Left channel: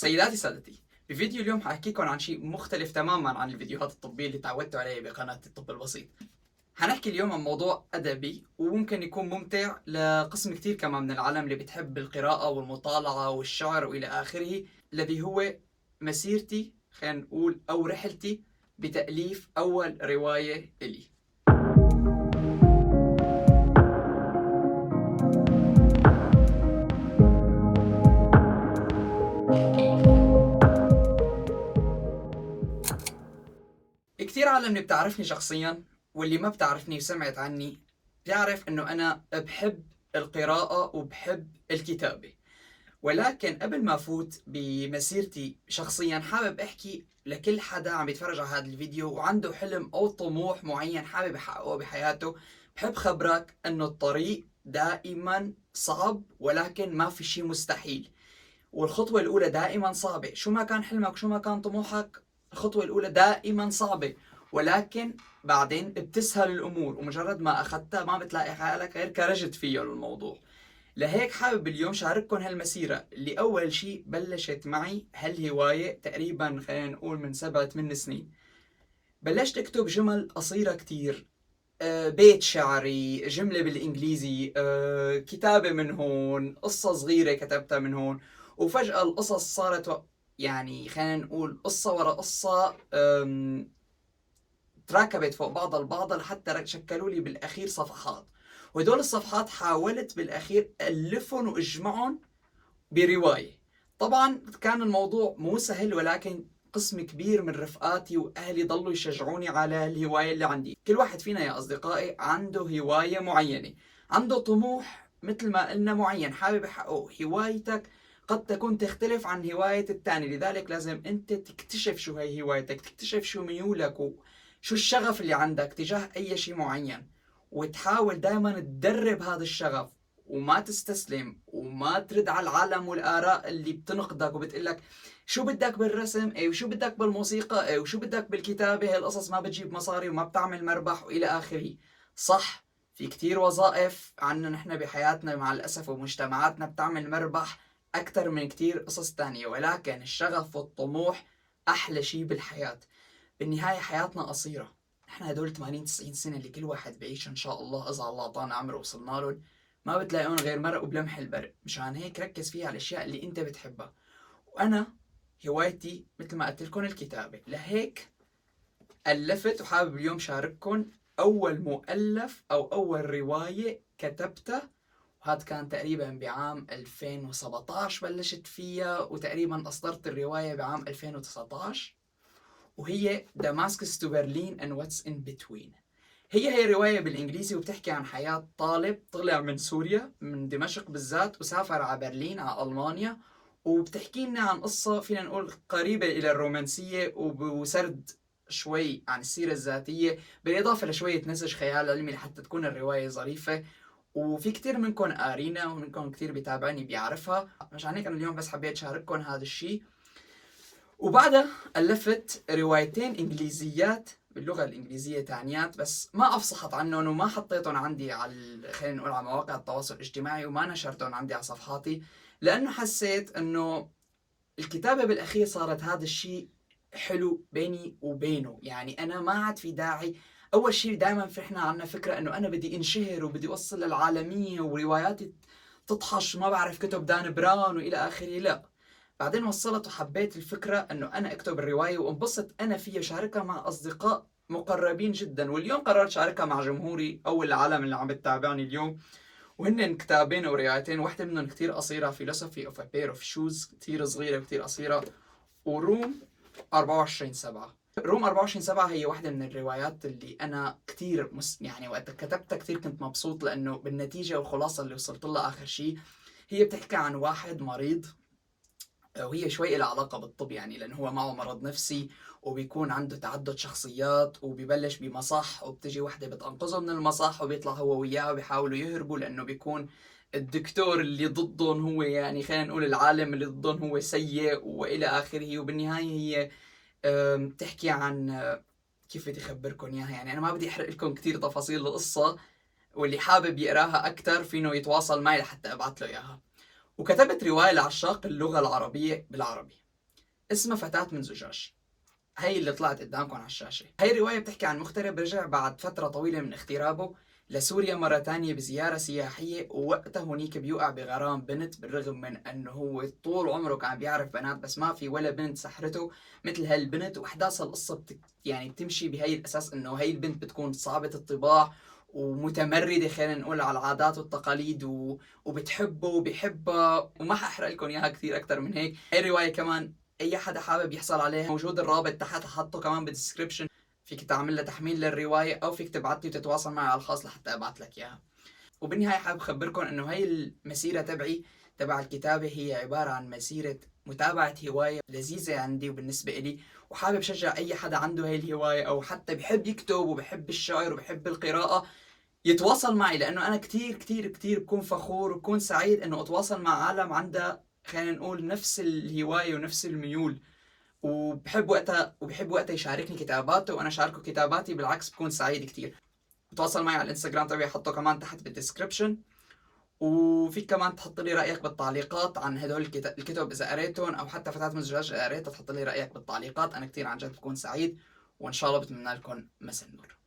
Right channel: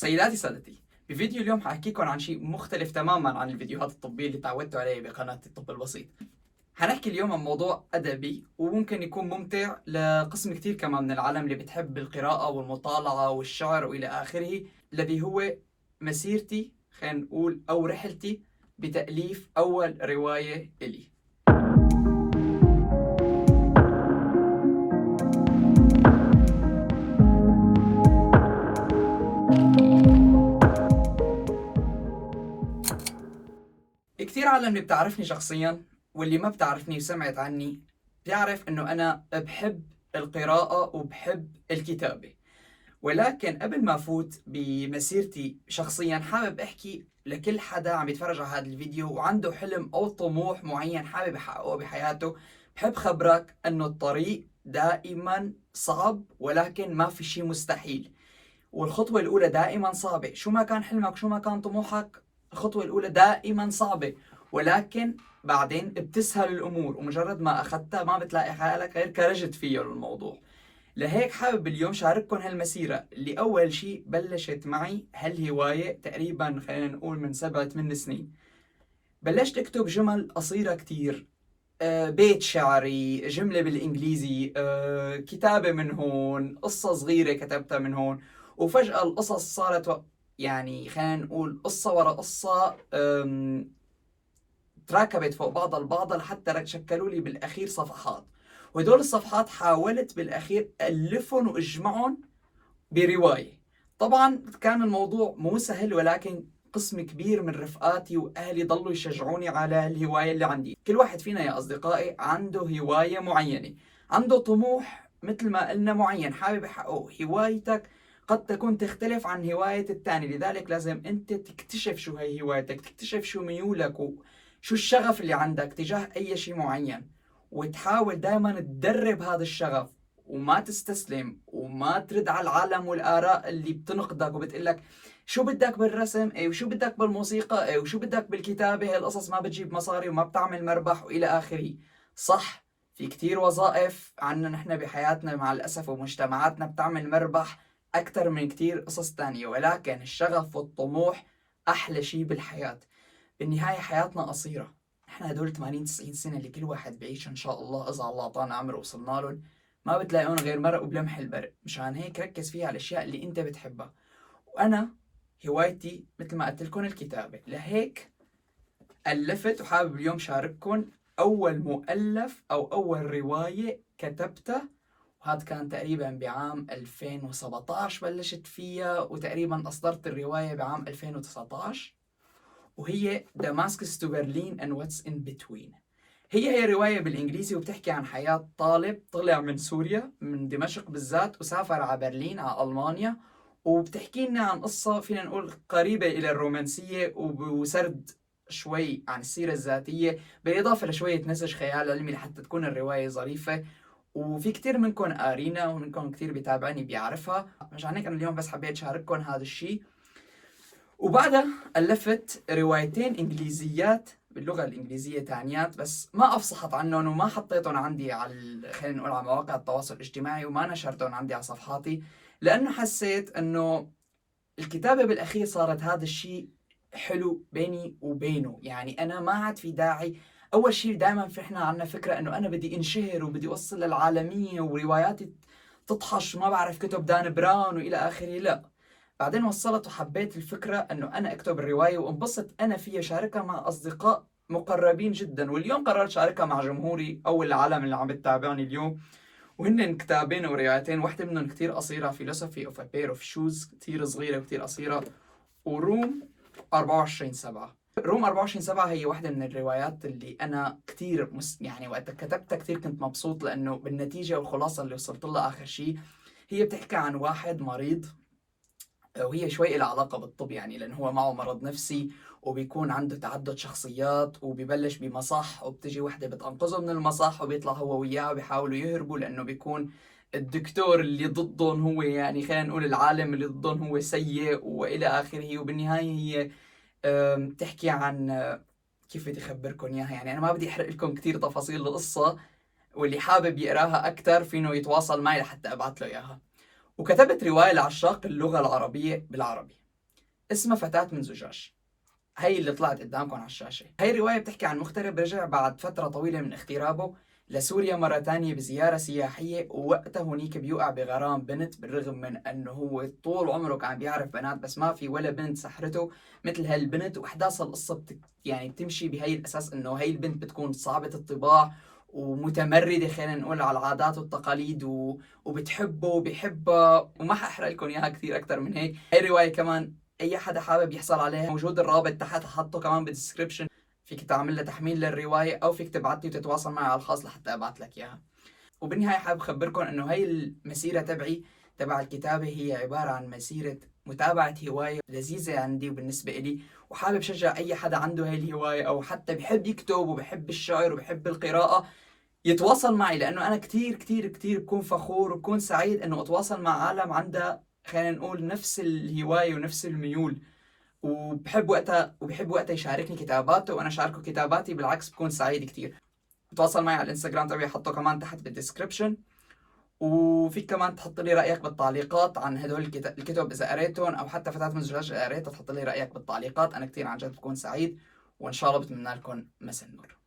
سيداتي سادتي، بفيديو اليوم حاحكيكم عن شيء مختلف تماما عن الفيديوهات الطبية اللي تعودتوا عليه بقناة الطب البسيط. حنحكي اليوم عن موضوع أدبي وممكن يكون ممتع لقسم كتير كمان من العالم اللي بتحب القراءة والمطالعة والشعر وإلى آخره، الذي هو مسيرتي، خلينا نقول، أو رحلتي بتأليف أول رواية إلي. كتير عالم اللي بتعرفني شخصيا واللي ما بتعرفني وسمعت عني بتعرف انه انا بحب القراءة وبحب الكتابة. ولكن قبل ما افوت بمسيرتي شخصيا حابب احكي لكل حدا عم يتفرج على هذا الفيديو وعنده حلم او طموح معين حابب يحققه بحياته. بحب خبرك انه الطريق دائما صعب ولكن ما في شيء مستحيل، والخطوة الأولى دائما صعبة. شو ما كان حلمك وشو ما كان طموحك، الخطوة الأولى دائما صعبة، ولكن بعدين بتسهل الأمور، ومجرد ما أخذتها ما بتلاقي حالك غير كرجت فيه الموضوع. لهيك حابب اليوم شارككم هالمسيرة اللي أول شيء بلشت معي هالهواية تقريبا خلينا نقول من 7-8 سنين. بلشت أكتب جمل قصيرة كتير، بيت شعري، جملة بالإنجليزي، كتابة من هون، قصة صغيرة كتبتها من هون. وفجأة القصص صارت يعني خلينا نقول قصة ورا قصة، تراكبت فوق بعضها البعض لحتى شكلوا لي بالأخير صفحات. وهدول الصفحات حاولت بالأخير ألفهم وأجمعهم برواية. طبعا كان الموضوع مو سهل، ولكن قسم كبير من رفقاتي وأهلي ضلوا يشجعوني على الهواية اللي عندي. كل واحد فينا يا أصدقائي عنده هواية معينة، عنده طموح مثل ما قلنا معين حابب يحققه. هوايتك قد تكون تختلف عن هواية الثاني، لذلك لازم أنت تكتشف شو هي هوايتك، تكتشف شو ميولك وشو الشغف اللي عندك تجاه أي شيء معين، وتحاول دائما تدرب هذا الشغف وما تستسلم وما ترد على العالم والآراء اللي بتنقدك وبتقلك شو بدك بالرسم، اي وشو بدك بالموسيقى، اي وشو بدك بالكتابة، هالقصص ما بتجيب مصاري وما بتعمل مربح والى آخره. صح، في كتير وظائف عنا نحن بحياتنا مع الأسف ومجتمعاتنا بتعمل مربح أكثر من كتير قصص تانية، ولكن الشغف والطموح أحلى شيء بالحياة. بالنهاية حياتنا قصيرة، نحن هدول 80-90 سنة اللي كل واحد بعيش إن شاء الله إذا الله أعطانا عمر وصلنا لهم ما بتلاقون غير مرق وبلمح البرق. مشان هيك ركز فيها على الأشياء اللي أنت بتحبها. وأنا هوايتي مثل ما قلت لكم الكتابة، لهيك ألفت وحابب اليوم شارككم أول مؤلف أو أول رواية كتبتها. وهذا كان تقريبا بعام 2017 بلشت فيها، وتقريبا أصدرت الرواية بعام 2019، وهي Damascus to Berlin and What's in Between. هي رواية بالإنجليزي وبتحكي عن حياة طالب طلع من سوريا من دمشق بالذات وسافر على برلين على ألمانيا، وبتحكي لنا عن قصة فينا نقول قريبة إلى الرومانسية وسرد شوي عن السيرة الذاتية بالإضافة لشوية نسج خيال علمي لحتى تكون الرواية ظريفة. وفي كتير منكم قارينا ومنكم كتير بيتابعني بيعرفها، مشان هيك أنا اليوم بس حبيت شارككم هذا الشيء. وبعدها ألفت روايتين إنجليزيات باللغة الإنجليزية تانيات، بس ما أفصحت عنهم وما حطيتهم عندي على خلينا نقول على مواقع التواصل الاجتماعي وما نشرتهم عندي على صفحاتي، لأنه حسيت أنه الكتابة بالأخير صارت هذا الشيء حلو بيني وبينه. يعني أنا ما عاد في داعي. أول شيء دائما إحنا عنا فكرة أنه أنا بدي انشهر وبدي أوصل للعالمية ورواياتي تطحش ما بعرف كتب دان براون وإلى آخره. لا، بعدين وصلت وحبيت الفكرة أنه أنا أكتب الرواية وانبسط أنا فيها، شاركها مع أصدقاء مقربين جدا. واليوم قررت شاركها مع جمهوري أو العالم اللي عم بتتابعني اليوم، وهن كتابين وروايتين. واحدة منهم كتير قصيرة، Philosophy of a Pair of Shoes، كتير صغيرة وكتير قصيرة. وروم 24/7. روم 24/7 هي واحدة من الروايات اللي أنا كتير يعني وقت كتبتها كتير كنت مبسوط، لأنه بالنتيجة والخلاصة اللي وصلت لها آخر شيء هي بتحكي عن واحد مريض، وهي شوي لها علاقة بالطب يعني، لأنه هو معه مرض نفسي وبيكون عنده تعدد شخصيات، وبيبلش بمصح وبتجي وحدة بتنقذه من المصح وبيطلع هو وياه بيحاولوا يهربوا، لأنه بيكون الدكتور اللي ضدهم هو يعني خلينا نقول العالم اللي ضدهم هو سيء وإلى آخره. وبالنهاية هي بتحكي عن كيف بدي أخبركم إياها، يعني أنا ما بدي أحرق لكم كتير تفاصيل القصة، واللي حابب يقراها أكتر فينه يتواصل معي لحتى أبعث له إياها. وكتبت رواية لعشاق اللغة العربية بالعربي. اسمها فتاة من زجاج. هي اللي طلعت قدامكم على الشاشة. هي الرواية بتحكي عن مغترب رجع بعد فترة طويلة من اغترابه لسوريا مرة تانية بزيارة سياحية، ووقتها هنيك بيوقع بغرام بنت، بالرغم من انه هو طول عمره كان بيعرف بنات بس ما في ولا بنت سحرته مثل هالبنت. واحداث القصة يعني بتمشي بهي الاساس انه هي البنت بتكون صعبة الطباع ومتمردة، خلينا نقول، على العادات والتقاليد وبتحبه وبيحبها، وما حاحرق لكم اياها كثير اكثر من هيك. هي الرواية كمان اي حدا حابب يحصل عليها موجود الرابط تحت، حطه كمان بالدسكربشن، فيك تعمل لها تحميل للروايه او فيك تبعت لي وتتواصل معي على الخاص لحتى ابعت لك اياها. وبالنهايه حابب اخبركم انه هي المسيره تبعي تبع الكتابه هي عباره عن مسيره متابعه هوايه لذيذه عندي وبالنسبه لي، وحابب شجع اي حدا عنده هي الهوايه او حتى بحب يكتب وبحب الشعر وبحب القراءه يتواصل معي، لانه انا كثير كثير كثير بكون فخور وبكون سعيد انه اتواصل مع عالم عندها، خلينا نقول، نفس الهوايه ونفس الميول، وبحب وقتها يشاركني كتاباته وانا شاركه كتاباتي. بالعكس بكون سعيد كثير. تواصل معي على الانستغرام تبعي، حطه كمان تحت بالدسكربشن، وفيك كمان تحط لي رايك بالتعليقات عن هدول الكتب اذا قريتهم، او حتى فتاة من الزجاج اذا قريتها تحط لي رايك بالتعليقات. انا كثير عن جد بكون سعيد، وان شاء الله بتمنى لكم مساء النور.